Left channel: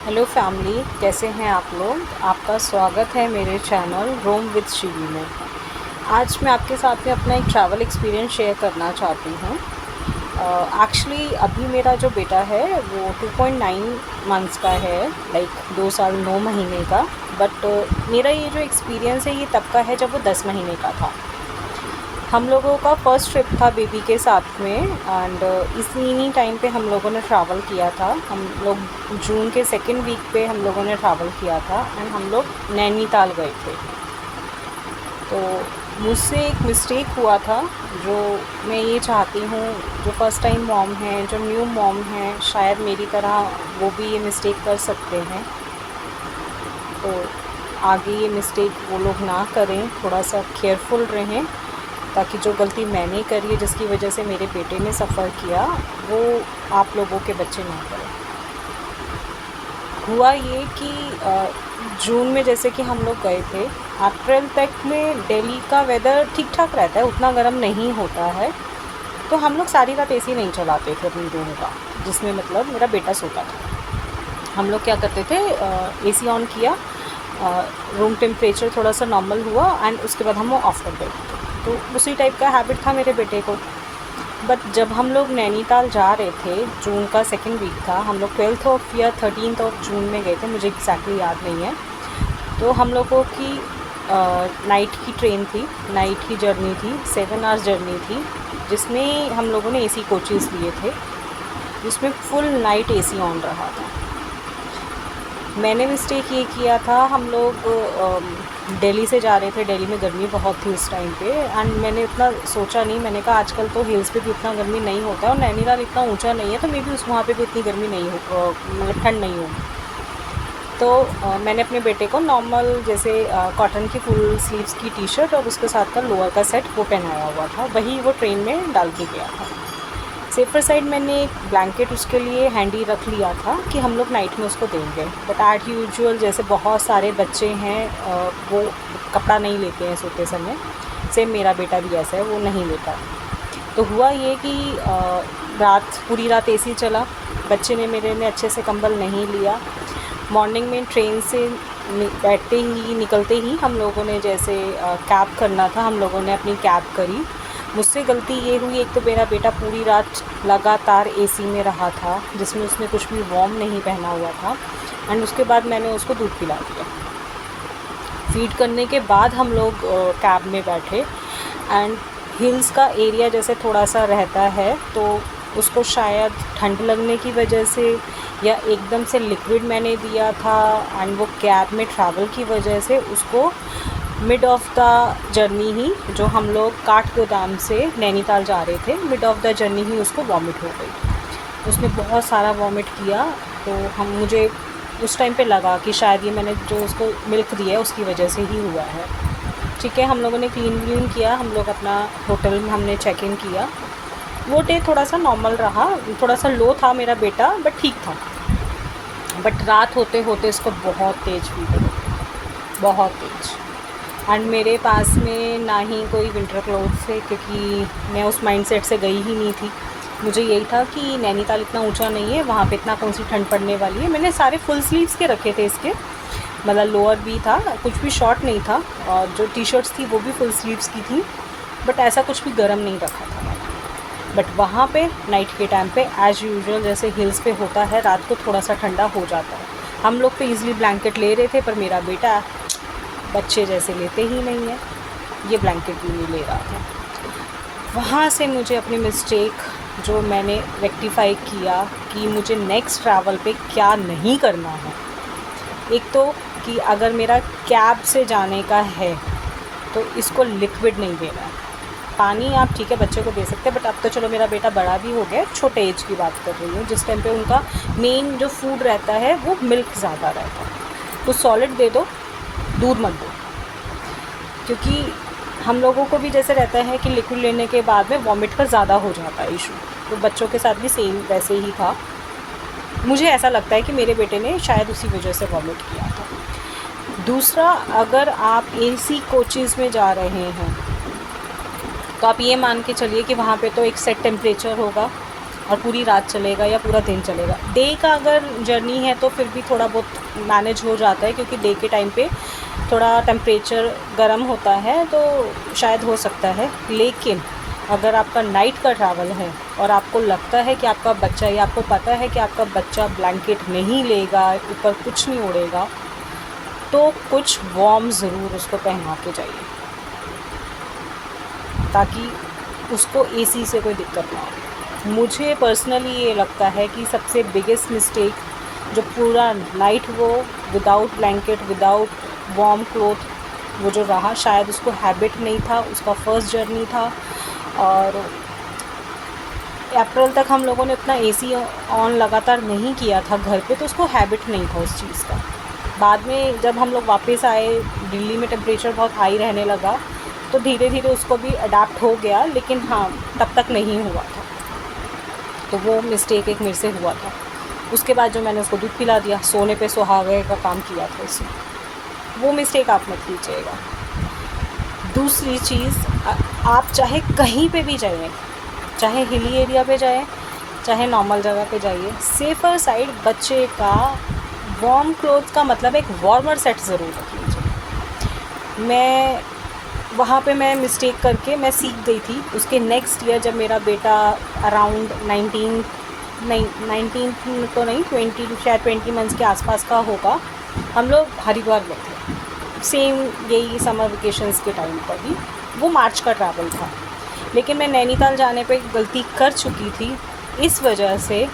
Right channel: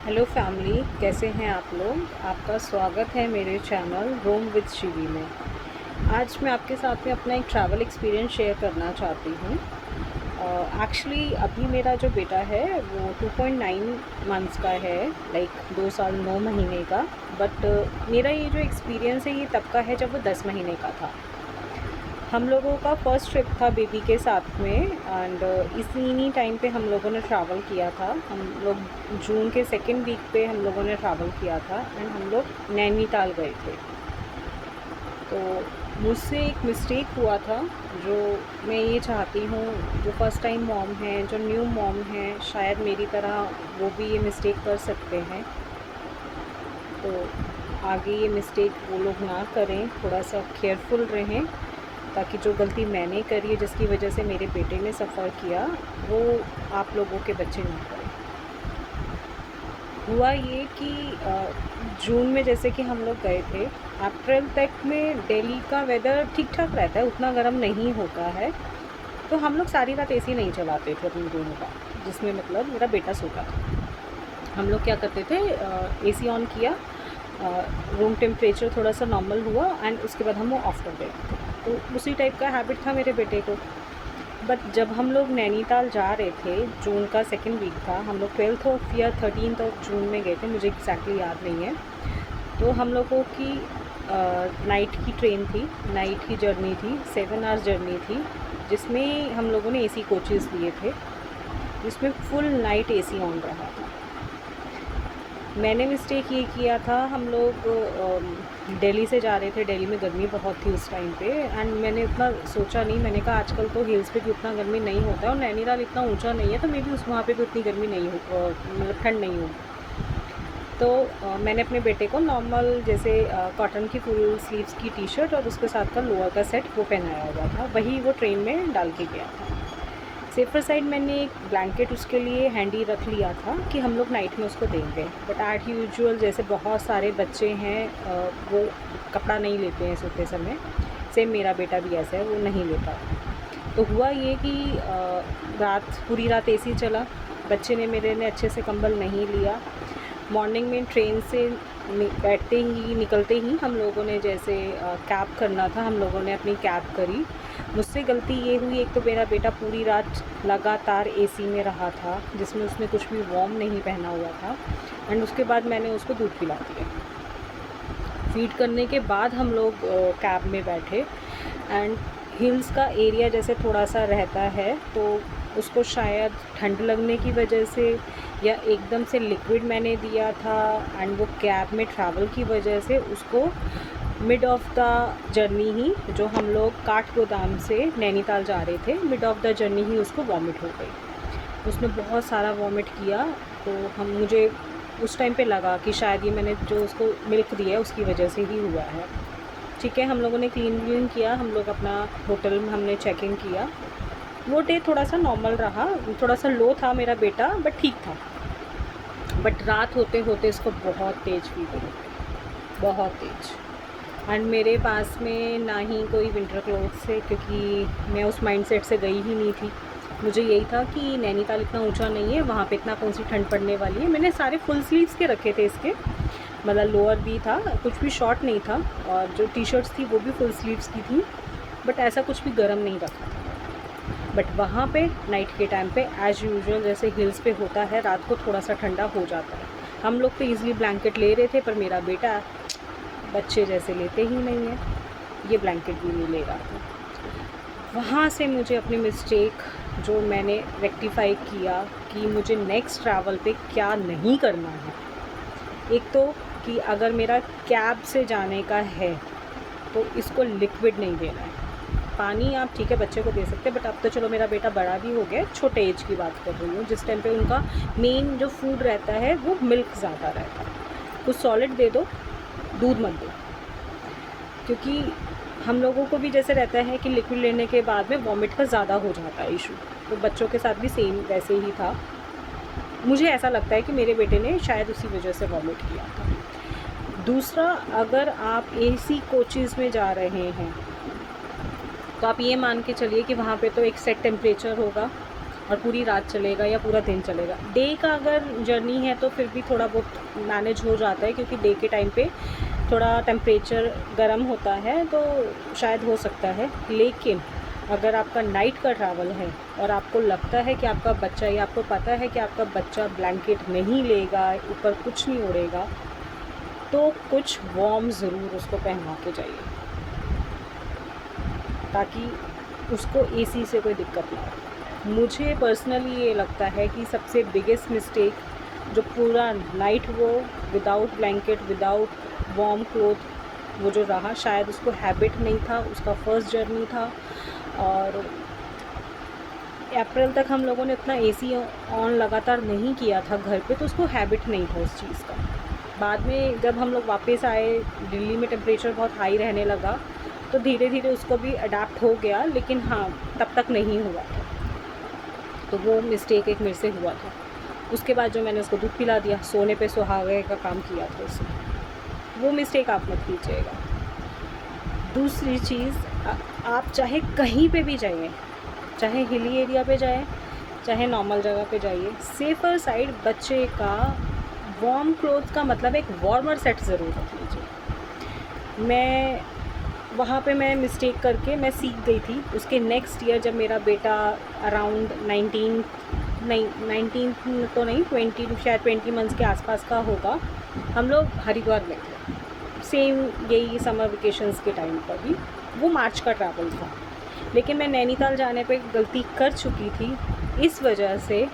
Hello family, कैसे हैं आप लोग। आपका स्वागत है मेरे चैनल रोम विद शिवी में। आज मैं आपके साथ में अपना एक ट्रैवल एक्सपीरियंस शेयर करना चाहती हूँ। एक्चुअली अभी मेरा जो बेटा है वो 2.9 मंथ्स का है, लाइक 2 साल 9 महीने का। बट मेरा ये जो एक्सपीरियंस है ये तब का है जब वो 10 महीने का था। हम लोगों का फर्स्ट ट्रिप था बेबी के साथ में, एंड इसी टाइम पे हम लोगों ने ट्रैवल किया था। हम लोग जून के सेकेंड वीक पे हम लोगों ने ट्रैवल किया था एंड हम लोग नैनीताल गए थे। तो मुझसे एक मिस्टेक हुआ था जो मैं ये चाहती हूँ, जो फर्स्ट टाइम मॉम हैं, जो न्यू मॉम हैं, शायद मेरी तरह वो भी ये मिस्टेक कर सकते हैं। तो आगे ये मिस्टेक वो लोग ना करें, थोड़ा सा केयरफुल रहें, ताकि जो गलती मैंने करी है जिसकी वजह से मेरे बेटे ने सफ़र किया वो आप लोगों के बच्चे ना करें। हुआ ये कि जून में जैसे कि हम लोग गए थे, अप्रैल तक में दिल्ली का वेदर ठीक ठाक रहता है, उतना गर्म नहीं होता है। तो हम लोग सारी रात एसी नहीं चलाते थे अपनी रूम का, जिसमें मतलब मेरा बेटा सोता था। हम लोग क्या करते थे, एसी ऑन किया, रूम टेम्परेचर थोड़ा सा नॉर्मल हुआ एंड उसके बाद हम वो ऑफ़ कर देते। तो उसी टाइप का हैबिट था मेरे बेटे को। बट जब हम लोग नैनीताल जा रहे थे, जून का सेकेंड वीक था, हम लोग 12th ऑफ या 13th ऑफ जून में गए थे, मुझे एग्जैक्टली याद नहीं है। तो हम लोगों की नाइट की ट्रेन थी, नाइट की जर्नी थी, 7 आवर्स जर्नी थी, जिसमें हम लोगों ने एसी कोचेज़ लिए थे, जिसमें फुल नाइट एसी ऑन रहा था। मैंने मिस्टेक ये किया था, हम लोग दिल्ली से जा रहे थे, दिल्ली में गर्मी बहुत थी उस टाइम पे, एंड मैंने उतना सोचा नहीं। मैंने कहा आजकल तो हिल्स पे भी उतना गर्मी नहीं होता है और नैनीताल इतना ऊंचा नहीं है, तो मे बी उस वहाँ पे भी इतनी गर्मी नहीं हो, मतलब ठंड नहीं होगी। तो मैंने अपने बेटे को नॉर्मल जैसे कॉटन की फुल स्लीव्स की टी शर्ट और उसके साथ का लोअर का सेट वो पहनाया हुआ था, वही वो ट्रेन में डाल के गया था। सेफर साइड मैंने एक ब्लैंकेट उसके लिए हैंडी रख लिया था कि हम लोग नाइट में उसको देंगे। बट एट यूजुअल जैसे बहुत सारे बच्चे हैं, वो कपड़ा नहीं लेते हैं सोते समय। सेम मेरा बेटा भी ऐसा है, वो नहीं लेता। तो हुआ ये कि पूरी रात एसी चला, बच्चे ने मेरे ने अच्छे से कंबल नहीं लिया। मॉर्निंग में ट्रेन से निकलते ही हम लोगों ने जैसे कैब करना था, हम लोगों ने अपनी कैब करी। मुझसे गलती ये हुई, एक तो मेरा बेटा पूरी रात लगातार एसी में रहा था, जिसमें उसने कुछ भी वार्म नहीं पहना हुआ था, एंड उसके बाद मैंने उसको दूध पिला दिया। फीड करने के बाद हम लोग कैब में बैठे, एंड हिल्स का एरिया जैसे थोड़ा सा रहता है, तो उसको शायद ठंड लगने की वजह से या एकदम से लिक्विड मैंने दिया था, एंड वो कैब में ट्रैवल की वजह से उसको मिड ऑफ द जर्नी ही, जो हम लोग काठगोदाम से नैनीताल जा रहे थे, मिड ऑफ द जर्नी ही उसको वॉमिट हो गई। उसने बहुत सारा वॉमिट किया। तो मुझे उस टाइम पे लगा कि शायद ये मैंने जो उसको मिल्क दिया है उसकी वजह से ही हुआ है। ठीक है, हम लोगों ने क्लीन किया, हम लोग अपना होटल में हमने चेक इन किया। वो डे थोड़ा सा नॉर्मल रहा, थोड़ा सा लो था मेरा बेटा, बट ठीक था। बट रात होते होते इसको बहुत तेज़ फीवर, बहुत तेज़। एंड मेरे पास में ना ही कोई विंटर क्लोथ्स थे, क्योंकि मैं उस माइंडसेट से गई ही नहीं थी। मुझे यही था कि नैनीताल इतना ऊंचा नहीं है, वहाँ पे इतना कौन सी ठंड पड़ने वाली है। मैंने सारे फुल स्लीव्स के रखे थे इसके, मतलब लोअर भी था, कुछ भी शॉर्ट नहीं था, और जो टी शर्ट्स थी वो भी फुल स्लीव्स की थी, बट ऐसा कुछ भी गर्म नहीं रखा था। बट वहाँ पे नाइट के टाइम पे एज़ यूजुअल जैसे हिल्स पे होता है, रात को थोड़ा सा ठंडा हो जाता है। हम लोग तो ईज़िली ब्लैंकेट ले रहे थे, पर मेरा बेटा बच्चे जैसे लेते ही नहीं है, ये ब्लैंकेट भी नहीं ले रहा था। वहाँ से मुझे अपनी मिस्टेक जो मैंने रेक्टिफाई किया कि मुझे नेक्स्ट ट्रैवल पे क्या नहीं करना है। एक तो कि अगर मेरा कैब से जाने का है तो इसको लिक्विड नहीं देना है। पानी आप ठीक है बच्चे को दे सकते हैं, बट अब तो चलो मेरा बेटा बड़ा भी हो गया, छोटे एज की बात कर रही हूँ, जिस टाइम पे उनका मेन जो फूड रहता है वो मिल्क ज़्यादा रहता है। तो सॉलिड दे दो, दूध मत दो, क्योंकि हम लोगों को भी जैसे रहता है कि लिक्विड लेने के बाद में वॉमिट का ज़्यादा हो जाता है इशू। तो बच्चों के साथ भी सेम वैसे ही था। मुझे ऐसा लगता है कि मेरे बेटे ने शायद उसी वजह से वॉमिट किया था। दूसरा, अगर आप एसी कोचेज़ में जा रहे हैं तो आप ये मान के चलिए कि वहाँ पे तो एक सेट टेम्परेचर होगा, और पूरी रात चलेगा या पूरा दिन चलेगा। डे का अगर जर्नी है तो फिर भी थोड़ा बहुत मैनेज हो जाता है, क्योंकि डे के टाइम पे थोड़ा टेम्परेचर गर्म होता है तो शायद हो सकता है। लेकिन अगर आपका नाइट का ट्रैवल है और आपको लगता है कि आपका बच्चा, या आपको पता है कि आपका बच्चा ब्लैंकेट नहीं लेगा, ऊपर कुछ नहीं उड़ेगा, तो कुछ वार्म ज़रूर उसको पहना के जाइए, ताकि उसको एसी से कोई दिक्कत ना हो। मुझे पर्सनली ये लगता है कि सबसे बिगेस्ट मिस्टेक जो पूरा नाइट वो without blanket, without warm cloth वो जो रहा, शायद उसको हैबिट नहीं था, उसका फर्स्ट जर्नी था। और अप्रैल तक हम लोगों ने इतना एसी ऑन लगातार नहीं किया था घर पे, तो उसको हैबिट नहीं था उस चीज़ का। बाद में जब हम लोग वापस आए, दिल्ली में टेम्परेचर बहुत हाई रहने लगा, तो धीरे धीरे उसको भी अडाप्ट हो गया, लेकिन हाँ तब तक नहीं हुआ था। तो वो मिस्टेक एक मेरे से हुआ था। उसके बाद जो मैंने उसको दूध पिला दिया, सोने पे सुहागे का काम किया था उसने, वो मिस्टेक आप मत कीजिएगा। दूसरी चीज़, आप चाहे कहीं पे भी जाइए, चाहे हिली एरिया पे जाएं, चाहे नॉर्मल जगह पे जाइए, सेफ़र साइड बच्चे का वार्म क्लोथ का मतलब एक वार्मर सेट ज़रूर रख लीजिए। मैं मिस्टेक करके मैं सीख गई थी। उसके नेक्स्ट ईयर जब मेरा बेटा अराउंड 19 तो नहीं 20, शायद 20 मंथ्स के आसपास का होगा, हम लोग हरिद्वार गए थे, सेम यही समर वेकेशंस के टाइम पर भी। वो मार्च का ट्रैवल था, लेकिन मैं नैनीताल जाने पे गलती कर चुकी थी। इस वजह से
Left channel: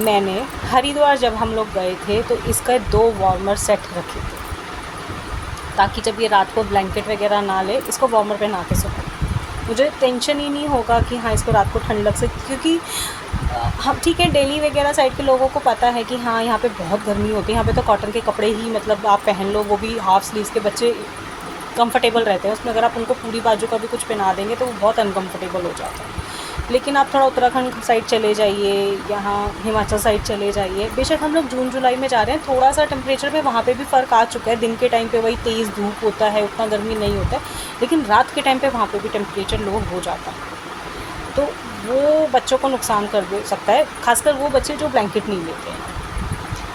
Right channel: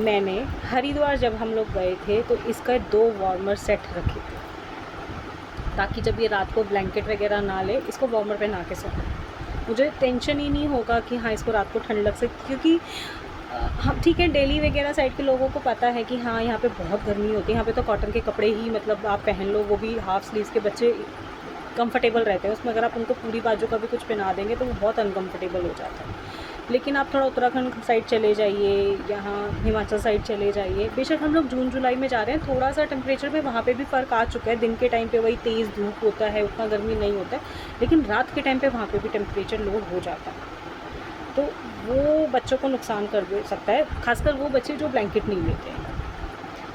मैंने हरिद्वार जब हम लोग गए थे तो इसका 2 वार्मर सेट रखे थे, ताकि जब ये रात को ब्लैंकेट वगैरह ना ले, इसको वार्मर पहना के सोए। मुझे टेंशन ही नहीं होगा कि हाँ इसको रात को ठंड लग सकती, क्योंकि हम ठीक है दिल्ली वगैरह साइड के लोगों को पता है कि हाँ यहाँ पे बहुत गर्मी होती है, यहाँ पे तो कॉटन के कपड़े ही मतलब आप पहन लो, वो भी हाफ स्लीव्स के। बच्चे कंफर्टेबल रहते हैं उसमें, अगर आप उनको पूरी बाजू का भी कुछ पहना देंगे तो वो बहुत अनकंफर्टेबल हो जाते हैं। लेकिन आप थोड़ा उत्तराखंड साइड चले जाइए, यहाँ हिमाचल साइड चले जाइए, बेशक हम लोग जून जुलाई में जा रहे हैं, थोड़ा सा टेम्परेचर में वहाँ पे भी फ़र्क आ चुका है। दिन के टाइम पे वही तेज़ धूप होता है, उतना गर्मी नहीं होता है, लेकिन रात के टाइम पे वहाँ पे भी टेम्परेचर लो हो जाता है, तो वो बच्चों को नुकसान कर दे सकता है, खासकर वो बच्चे जो ब्लैंकेट नहीं लेते हैं।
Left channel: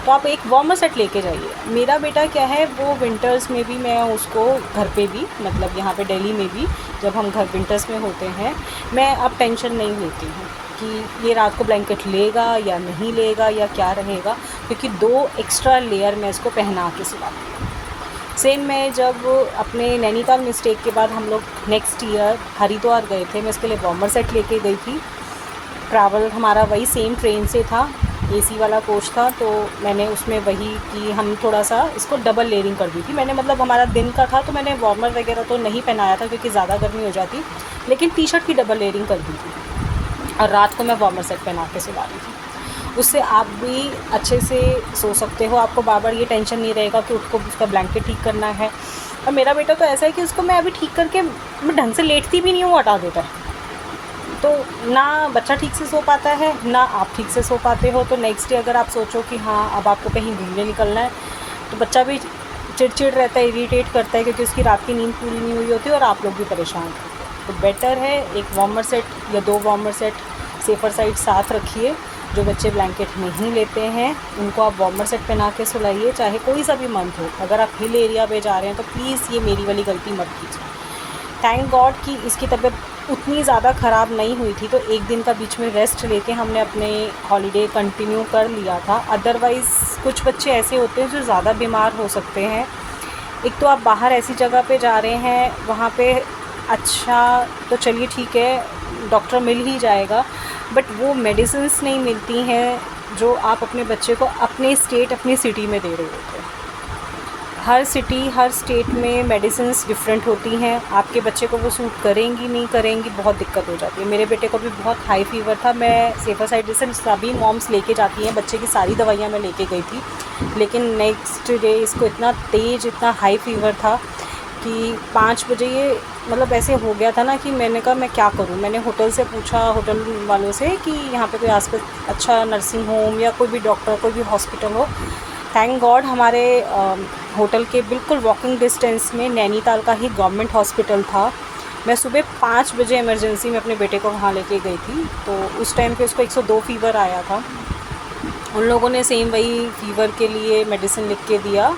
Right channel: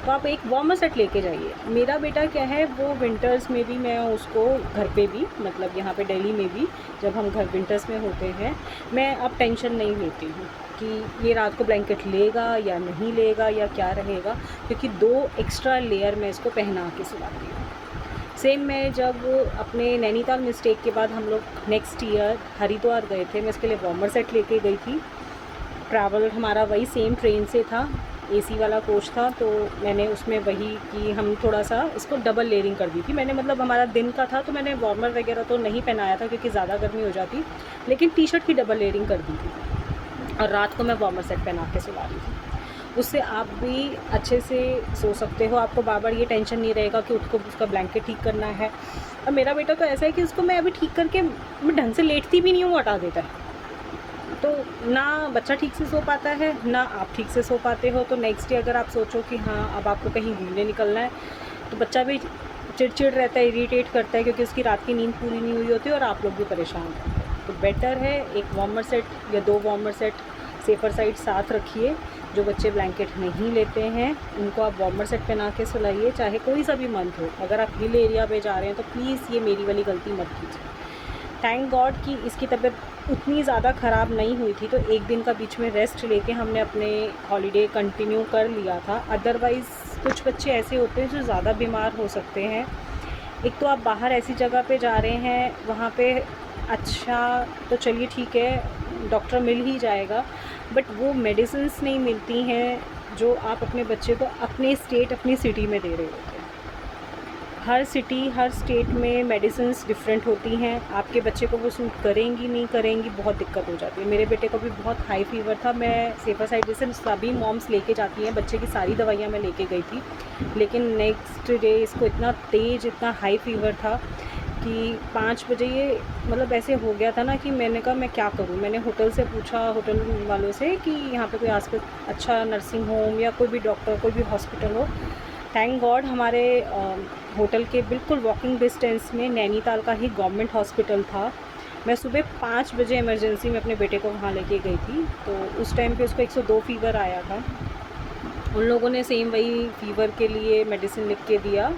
तो आप एक वार्मर सेट लेके जाइए। मेरा बेटा क्या है, वो विंटर्स में भी मैं उसको घर पे भी, मतलब यहाँ पे दिल्ली में भी जब हम घर विंटर्स में होते हैं, मैं अब टेंशन नहीं लेती हूँ कि ये रात को ब्लैंकेट लेगा या नहीं लेगा या क्या रहेगा, क्योंकि 2 एक्स्ट्रा लेयर मैं इसको पहना के सुलाती हूँ। सेम मैं जब अपने नैनीताल मिस्टेक के बाद हम लोग नेक्स्ट ईयर हरिद्वार गए थे, मैं इसके लिए वार्मर सेट लेके गई थी। ट्रैवल हमारा वही सेम ट्रेन से था, एसी वाला कोच था, तो मैंने उसमें वही कि हम थोड़ा सा इसको डबल लेयरिंग कर दी थी मैंने। मतलब हमारा दिन का था तो मैंने वार्मर वगैरह तो नहीं पहनाया था क्योंकि ज़्यादा गर्मी हो जाती, लेकिन टी शर्ट की डबल लेयरिंग कर दी थी और रात को मैं वार्मर सेट पहना के सुला रही थी। उससे आप भी अच्छे से सो सकते हो, आपको बार बार ये टेंशन नहीं रहेगा कि उसको उसका ब्लैंकेट ठीक करना है। और मेरा बेटा तो ऐसा है कि उसको मैं अभी ठीक करके मैं ढंग से लेटती भी नहीं हूँ, हटा देता है, तो ना बच्चा ठीक से सो पाता है ना आप ठीक से सो पाते हो। तो नेक्स्ट डे अगर आप सोचो कि हाँ अब आपको कहीं घूमने निकलना है, तो बच्चा भी चिड़चिड़ रहता है, इरिटेट करता है, क्योंकि उसकी रात की नींद पूरी नहीं हुई होती और आप लोग भी परेशान होते हैं। तो बेटर है एक वार्मर सेट या 2 वार्मर सेट सेफ़र साइड साथ रखिए। जो बच्चे ब्लैंकेट नहीं लेते हैं उनको आप वार्मर सेट पहना के सुलाइए, चाहे कोई सा भी मंथ हो। अगर आप हिल एरिया पे जा रहे हैं तो प्लीज़ ये मेरी वाली गलती मत कीजिए। थैंक गॉड कि इसकी तबीयत उतनी ज़्यादा ख़राब नहीं हुई थी, तो एक दिन का बीच में रेस्ट लेके हमने अपने हॉलीडे कंटिन्यू कर लिया था। अदरवाइज़ कुछ बच्चे ऐसे होते हैं जो ज़्यादा बीमार हो सकते हैं। एक तो आप बाहर ऐसी जगह पे जा रहे हैं, वहाँ पे अच्छा तो चलिए ठीक है डॉक्टर मिल ही जाएगा, बट वो मेडिसिन्स नहीं मिलती हैं जो आप अपने बच्चे को अपने स्टेट अपनी सिटी में दे रहे होते हैं। हर सिटी हर स्टेट में मेडिसिन्स डिफरेंट होती हैं, आपके बच्चे को वो सूट करेंगी नहीं करेंगी, बहुत दिक्कत हो जाती है। मेरे बेटे को भी बहुत हाई फीवर था, मैं सेफ़र साइड जैसे सभी मॉम्स लेके जाती हैं, बच्चे की सारी दवाइयाँ मैं लेके गई थी, लेकिन नेक्स्ट डे इसको इतना तेज़ इतना हाई फीवर था कि 5 बजे ये मतलब ऐसे हो गया था ना कि मैंने कहा मैं क्या करूं। मैंने होटल से पूछा, होटल वालों से, कि यहाँ पे कोई आसपास अच्छा नर्सिंग होम या कोई भी डॉक्टर कोई भी हॉस्पिटल हो। थैंक गॉड हमारे होटल के बिल्कुल वॉकिंग डिस्टेंस में नैनीताल का ही गवर्नमेंट हॉस्पिटल था, मैं सुबह 5 बजे इमरजेंसी में अपने बेटे को वहाँ लेके गई थी, तो उस टाइम पे उसको 102 फ़ीवर आया था। उन लोगों ने सेम वही फ़ीवर के लिए मेडिसिन लिख के दिया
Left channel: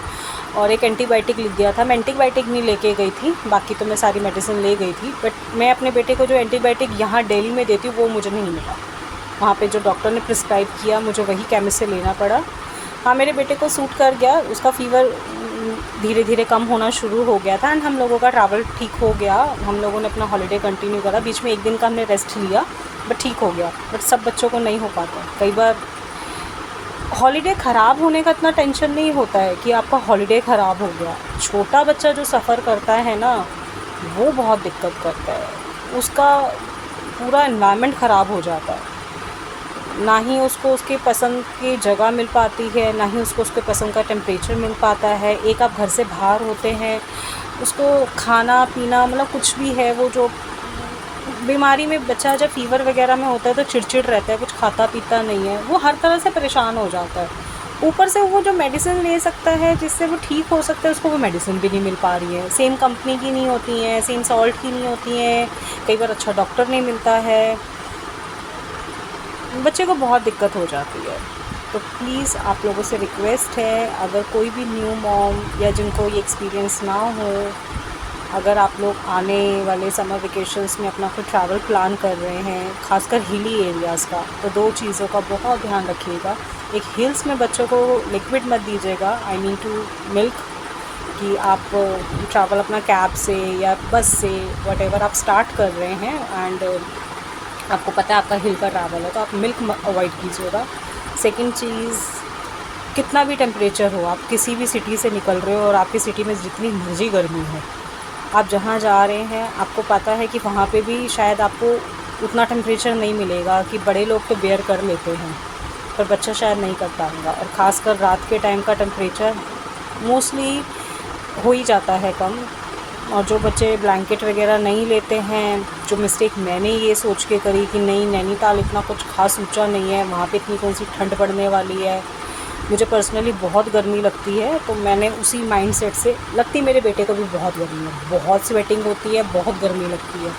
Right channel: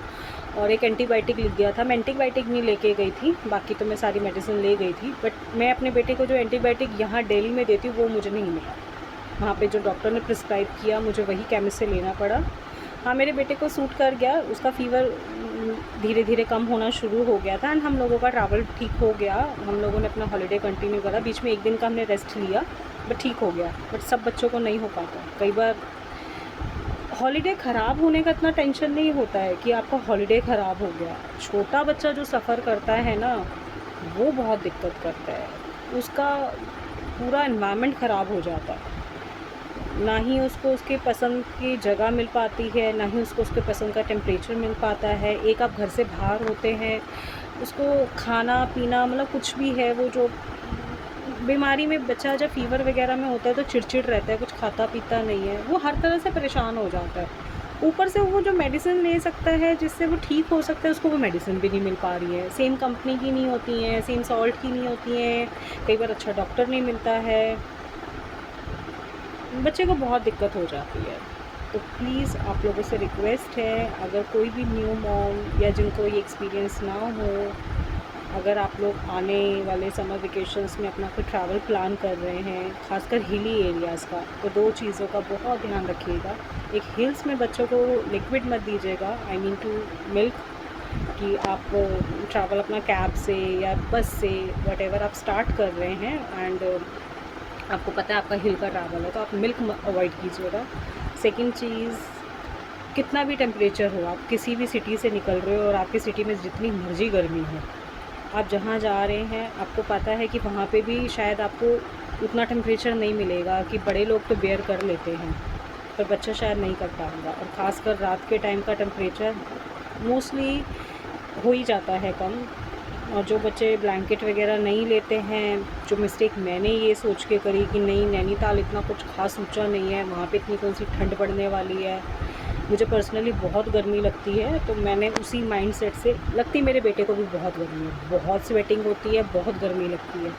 और एक एंटीबायोटिक लिख दिया था। मैं एंटीबायोटिक नहीं लेके गई थी, बाकी तो मैं सारी मेडिसिन ले गई थी, बट मैं अपने बेटे को जो एंटीबायोटिक यहाँ दिल्ली में देती हूँ वो मुझे नहीं मिला। वहाँ पे जो डॉक्टर ने प्रिस्क्राइब किया मुझे वही केमिस्ट से लेना पड़ा। हाँ, मेरे बेटे को सूट कर गया, उसका फ़ीवर धीरे धीरे कम होना शुरू हो गया था एंड हम लोगों का ट्रैवल ठीक हो गया। हम लोगों ने अपना हॉलीडे कंटिन्यू करा, बीच में एक दिन का हमने रेस्ट लिया, बट ठीक हो गया। बट सब बच्चों को नहीं हो पाता। कई बार हॉलीडे ख़राब होने का इतना टेंशन नहीं होता है कि आपका हॉलीडे ख़राब हो गया। छोटा बच्चा जो सफ़र करता है ना, वो बहुत दिक्कत करता है। उसका पूरा एनवायरनमेंट ख़राब हो जाता है, ना ही उसको उसकी पसंद की जगह मिल पाती है, ना ही उसको उसके पसंद का टेम्परेचर मिल पाता है। एक आप घर से बाहर होते हैं, उसको खाना पीना मतलब कुछ भी है, वो जो बीमारी में बच्चा जब फ़ीवर वगैरह में होता है तो चिड़चिड़ रहता है, कुछ खाता पीता नहीं है, वो हर तरह से परेशान हो जाता है। ऊपर से वो जो मेडिसिन ले सकता है जिससे वो ठीक हो सकता है, उसको वो मेडिसिन भी नहीं मिल पा रही है। सेम कंपनी की नहीं होती हैं, सेम सॉल्ट की नहीं होती हैं, कई बार अच्छा डॉक्टर नहीं मिलता है, बच्चे को बहुत दिक्कत हो जाती है। तो प्लीज़ आप लोगों से रिक्वेस्ट है, अगर कोई भी न्यू मॉम या जिनको ये एक्सपीरियंस ना हो, अगर आप लोग आने वाले समर वेकेशंस में अपना कोई ट्रैवल प्लान कर रहे हैं, खासकर हिली एरियाज़ का, तो 2 चीज़ों का बहुत ध्यान रखिएगा। एक, हिल्स में बच्चों को लिक्विड मत दीजिएगा, आई मीन टू मिल्क, कि आप ट्रैवल अपना कैब से या बस से व्हाटएवर आप स्टार्ट कर रहे हैं एंड आपको पता है आपका हिल का ट्रैवल है, तो आप मिल्क अवॉइड कीजिएगा। सेकंड चीज़, कितना भी टेम्परेचर हो, आप किसी भी सिटी से निकल रहे हो और आपकी सिटी में जितनी मर्जी गर्मी हो, आप जहाँ जा रहे हैं आपको पता है कि वहाँ पे भी शायद आपको उतना टेम्परेचर नहीं मिलेगा, कि बड़े लोग तो बेयर कर लेते हैं पर बच्चा शायद नहीं कर पाएगा। और ख़ासकर रात के टाइम का टेम्परेचर मोस्टली हो ही जाता है कम। और जो बच्चे ब्लैंकेट वगैरह नहीं लेते हैं, जो मिस्टेक मैंने ये सोच के करी कि नहीं नैनीताल इतना कुछ खास ऊंचा नहीं है, वहाँ पे इतनी कौन सी ठंड पड़ने वाली है, मुझे पर्सनली बहुत गर्मी लगती है, तो मैंने उसी माइंडसेट से, लगती मेरे बेटे को भी बहुत गर्मी है, बहुत स्वेटिंग होती है, बहुत गर्मी लगती है,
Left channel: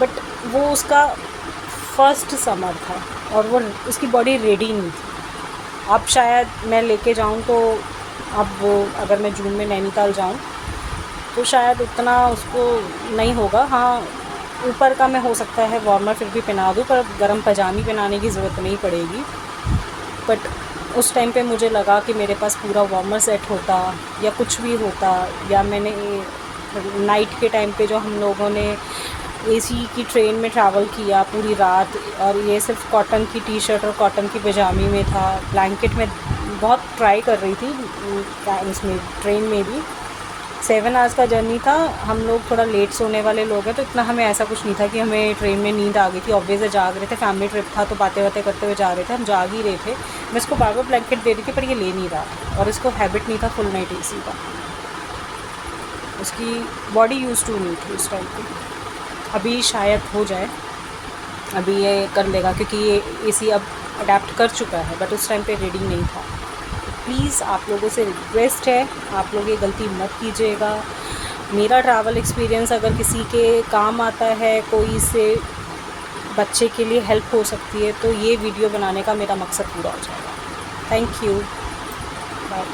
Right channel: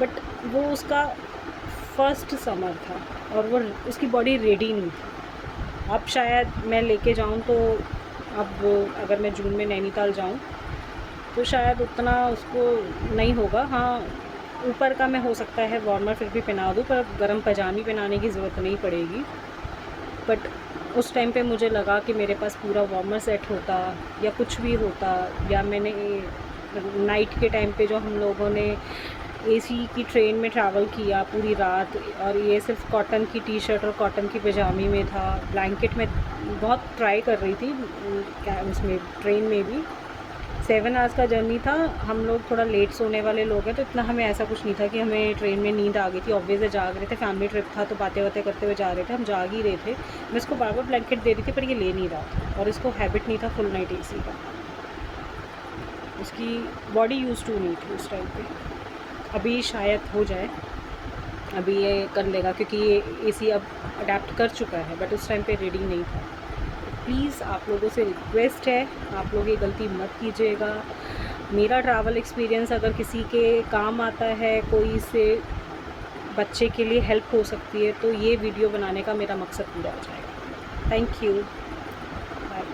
बट वो उसका फर्स्ट समर था और वो उसकी बॉडी रेडी नहीं थी। अब शायद मैं लेके जाऊँ तो अब वो, अगर मैं जून में नैनीताल जाऊँ तो शायद उतना उसको नहीं होगा। हाँ, ऊपर का मैं हो सकता है वार्मर फिर भी पहना दूँ, पर गर्म पजामी पहनाने की ज़रूरत नहीं पड़ेगी। बट उस टाइम पे मुझे लगा कि मेरे पास पूरा वार्मर सेट होता या कुछ भी होता, या मैंने नाइट के टाइम पे जो हम लोगों ने एसी की ट्रेन में ट्रैवल किया पूरी रात, और ये सिर्फ कॉटन की टी शर्ट और कॉटन की पजामी में था, ब्लैंकेट में बहुत ट्राई कर रही थी उसमें, ट्रेन में भी 7 आवर्स का जर्नी था। हम लोग थोड़ा लेट सोने वाले लोग हैं, तो इतना हमें ऐसा कुछ नहीं था कि हमें ट्रेन में नींद आ गई थी। ऑब्वियस है जाग रहे थे, फैमिली ट्रिप था तो बातें बातें करते हुए जा रहे थे, हम जाग ही रहे थे। मैं इसको बार बार ब्लैंकेट दे रही थी पर ये ले नहीं रहा, और इसको हैबिट नहीं था फुल नाइट एसी का, उसकी बॉडी यूज़ टू नहीं थी उस टाइम पे। अभी शायद हो जाए, अभी ये कर लेगा क्योंकि ये एसी अब अडेप्ट कर चुका है, बट उस टाइम पे रेडी नहीं था। प्लीज़ आप लोगों से रिक्वेस्ट है, आप लोग ये गलती मत कीजिएगा। मेरा ट्रैवल एक्सपीरियंस अगर किसी के काम आता है, कोई से बच्चे के लिए हेल्प हो सकती है, तो ये वीडियो बनाने का मेरा मकसद पूरा हो जाएगा। Thank you, bye.